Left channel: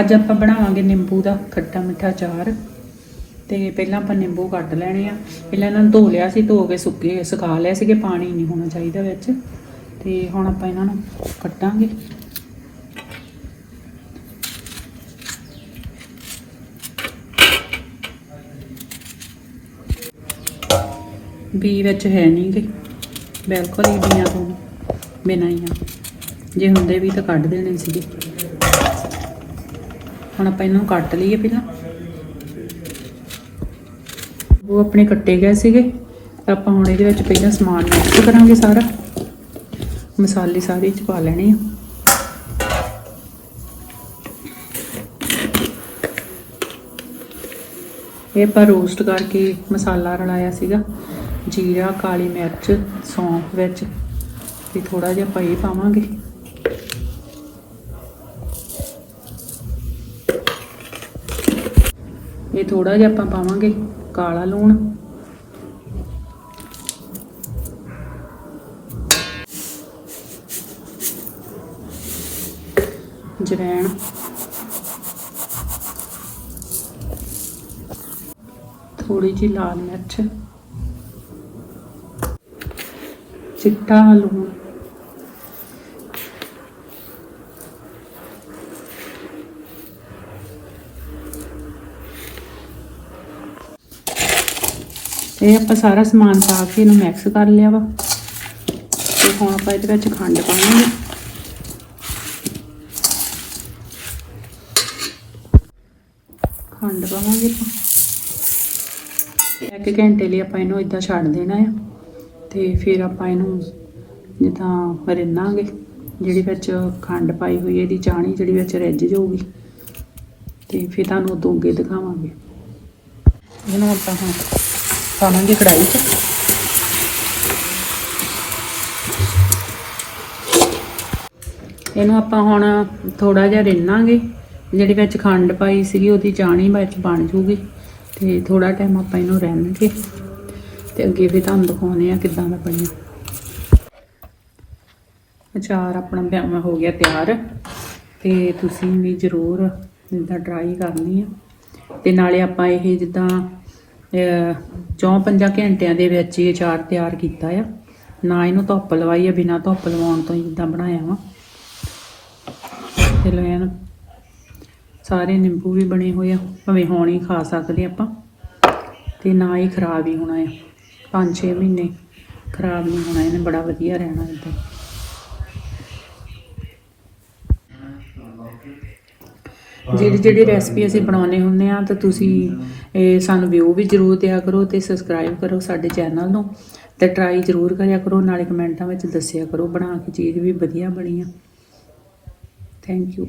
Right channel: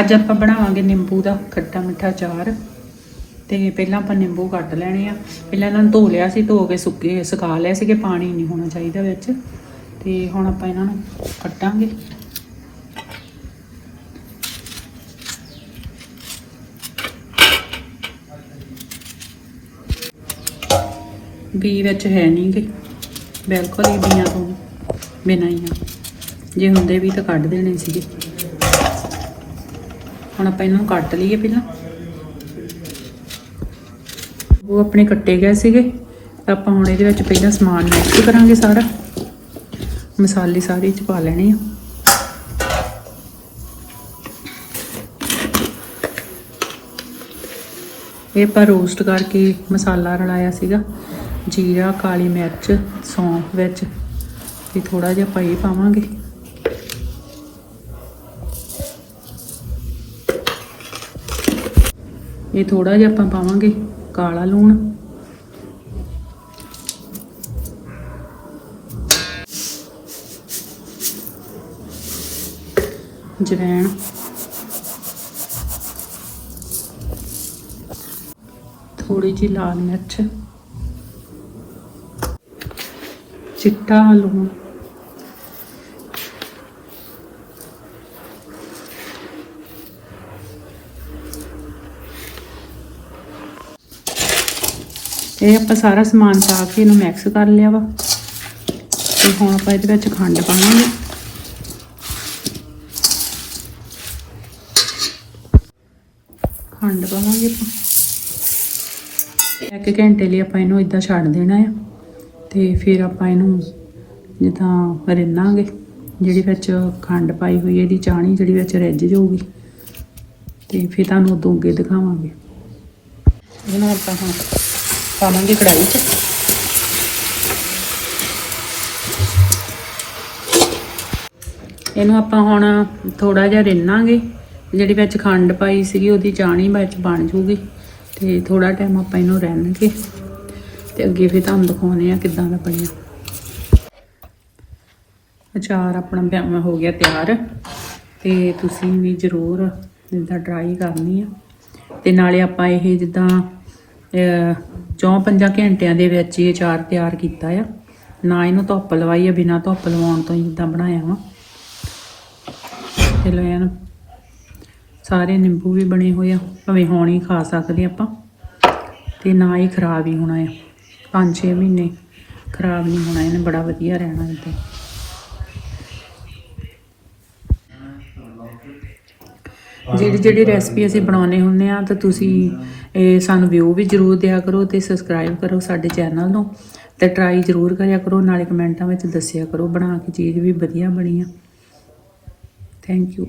ਅੱਜ ਆਪਾਂ ਬਣਾਵਾਂਗੇ ਨਿੰਬੂ ਦਾ ਖੱਟਾ ਮਿੱਠਾ ਚਾਰ ਤੇ ਪਹਿਲਾਂ ਆਪਾਂ ਨਿੰਬੂ ਕੱਟ ਲੈਣੇ ਆ। ਪਹਿਲਾਂ ਇਹਨਾਂ ਨੂੰ ਧੋ ਲਿਆ ਸੀ, ਧੋ ਕੇ ਸੁੱਕੇ, ਸੁਕਾ ਲਿਆ ਸੀ ਕਿ ਪਾਣੀ ਨਹੀਂ ਹੋਣਾ ਚਾਹੀਦਾ ਵਿੱਚ। ਤੇ ਹੁਣ ਆਪਾਂ ਇਹਨਾਂ ਨੂੰ ਕੱਟਾਂਗੇ ਬੀ ਵਿੱਚ ਹੈ ਨਹੀਂ ਗੇ। ਬਿਲਕੁਲ ਹੀ ਬੀਆਂ ਤੋਂ ਬਿਨਾਂ ਹੀ ਆ। ਜੇ ਹੁੰਦੇ ਵੀ ਤਾਂ ਕੱਢ ਦੇਣੇ ਸੀਗੇ। ਹੁਣ ਆਪਾਂ ਇਹਨੂੰ ਕੱਟ ਲਈਏ ਪਹਿਲਾਂ। ਉਹ ਆਪਣੇ ਕੱਟੇ ਗਏ ਸੀਗੇ, ਤਾਂ ਆਪਾਂ ਹੁਣ ਇਹਦੇ ਵਿੱਚ ਪਹਿਲਾਂ ਸਮਾਨ ਮਿਕਸ ਕਰਾਂਗੇ ਸਾਰਾ। ਮਸਾਲੇ ਸਾਰੇ ਚ ਪਾ ਲੈਣੇ ਆ। ਇਹ ਆਪਾਂ ਰੋਸਟ ਕਰਕੇ ਮਸਾਲਾ ਰਲਾਇਆ ਸੀਗਾ, ਜੀਰਾ, ਕਾਲੀ ਮਿਰਚ, ਸੌਂਫ ਵਿੱਚ, ਤੇ ਥੋੜਾ ਜਿਹਾ ਆਪਾਂ ਇਹ ਪਾਵਾਂਗੇ। ਇਹ ਥੋੜਾ ਜਿਹਾ ਆਪਾਂ ਪਾਵਾਂਗੇ ਕਾਲਾ ਲੂਣ। ਜਵੈਣ। ਥੋੜੀ ਜਿਹੀ ਲਾਲ ਮਿਰਚ। ਚਿੱਟਾ ਲੂਣ ਇਹ ਆਪਾਂ ਸਾਰਾ ਸਮਾਨ ਪਾ ਕੇ ਇਹਨੂੰ ਮਿਕਸ ਕਰ ਲਿਆ ਵਾ। ਤੇ ਹੁਣ ਆਪਾਂ ਇਹਦੇ ਵਿੱਚ ਖੰਡ ਪਾਵਾਂਗੇ। ਖੰਡ ਪਾਵਾਂਗੇ ਇੱਕ ਘੰਟੇ ਲਈ ਆਪਾਂ ਇਹਨੂੰ ਇਦਾਂ ਛੱਡ ਦੇਣਾ ਆ। ਤੇ ਫਿਰ ਆਪਾਂ ਇਹਨੂੰ ਜਿੱਦਾਂ ਰਿੰਨਾਂਗੇ, ਜਿਹੜੀ ਵਿੱਚ ਖੰਡ ਪਾਈ ਹੋਈ ਇਹਦੀ ਚਾਣੀ ਜਿਹੜੀ ਵਿੱਚ ਰਿੱਝ ਜਾਊਗੀ। ਤੇ ਫਿਰ ਤੁਹਾਨੂੰ ਉਦੋਂ ਅੱਗੇ ਦਿਖਾਵਾਂਗੇ। ਇਹਨੂੰ ਆਪਾਂ ਹੁਣ ਪਾਵਾਂਗੇ ਕੜਾਹੀ 'ਚ। ਇਹਨੂੰ ਆਪਾਂ ਹੁਣ ਥੋੜਾ ਜਿਹਾ ਰਿੰਨਾਂਗੇ। ਜਿਹੜੀ ਵਿੱਚ ਖੰਡ ਪਾਈ ਸੀਗੀ, ਉਹਦੀ ਚਾਣੀ ਵਿੱਚ ਬਣ ਜੂਗੀ। ਤੇ ਥੋੜਾ ਟਾਈਮ ਆਪਾਂ ਇਹਨੂੰ ਰਹਿਣਗੇ ਤੇ ਅੱਗੇ ਫਿਰ ਤੁਹਾਨੂੰ ਦਿਖਾਉਣੇ ਆ ਕਿੱਦਾਂ ਦਾ ਬਣਿਆ। ਅਚਾਰ ਆਪਣਾ ਬਿਆਨ ਹੋ ਗਿਆ ਤਿਆਰ। ਤੇ ਤੁਸੀਂ ਵੀ ਜ਼ਰੂਰ ਜਿੱਦਾਂ ਟਰਾਈ ਕਰਨੀ ਆ। ਤੇ ਨਾਲੇ ਆਪਾਂ ਇਹ ਜਿੱਦਾਂ ਚੌਂ ਪੰਜਾਂ ਘੰਟਿਆਂ ਦੇ ਵਿੱਚ ਇਹ ਚਾਰ ਤਿਆਰ ਕੀਤਾ ਆ। ਨਾ ਇਹਨੂੰ ਧੁੱਪ ਲਵਾਈ ਆ, ਬਿਨਾਂ ਧੁੱਪ ਲਵਾਉਣ ਤੋਂ ਹੀ ਜਿੱਦਾਂ ਬਣਾਇਆ ਵਾ। ਚਲੋ ਇਹਨੂੰ ਸਾਰੇ ਨਿੰਬੂ ਵੀ ਬਣੇ ਹੋਏ ਆ, ਭਾਵੇਂ ਹੁਣ ਹੀ ਖਾ ਸਕਦੇ ਆਪਾਂ। ਤੇ ਨਾ ਹੀ ਖਰਾਬ ਹੀ ਹੋਣਾ ਆ। 5-6 ਮਹੀਨੇ ਖਰਾਬ ਨਹੀਂ ਹੋਣਾ, ਇਹਨੇ ਬੜਾ ਵਧੀਆ ਰਹਿਣਾ ਇੱਦਾਂ। ਜਿਹੜੀ ਜਿਹੜੀ ਰੈਸਪੀ ਅਸੀਂ ਬਣਾਉਨੇ ਹੁੰਦੇ ਆ ਤਾਂ ਤੁਸੀਂ ਇਹ ਸਾਨੂੰ ਵਿਊ ਵੀ ਜਰੂਰ ਦਿਆ ਕਰੋ ਤੇ ਸਬਸਕ੍ਰਾਈਬ ਕਰੋ ਸਾਡੇ ਚੈਨਲ ਨੂੰ ਤੇ ਟਰਾਈ ਜਰੂਰ ਕਰਿਆ ਕਰੋ, ਨਾਲੇ ਕਮੈਂਟਾਂ ਵਿੱਚ ਦੱਸਿਆ ਕਰੋ ਬਣਾ ਕੇ ਚੀਜ਼ ਵੀ ਵਧੀਆ ਬਣੀ ਆ। Thank you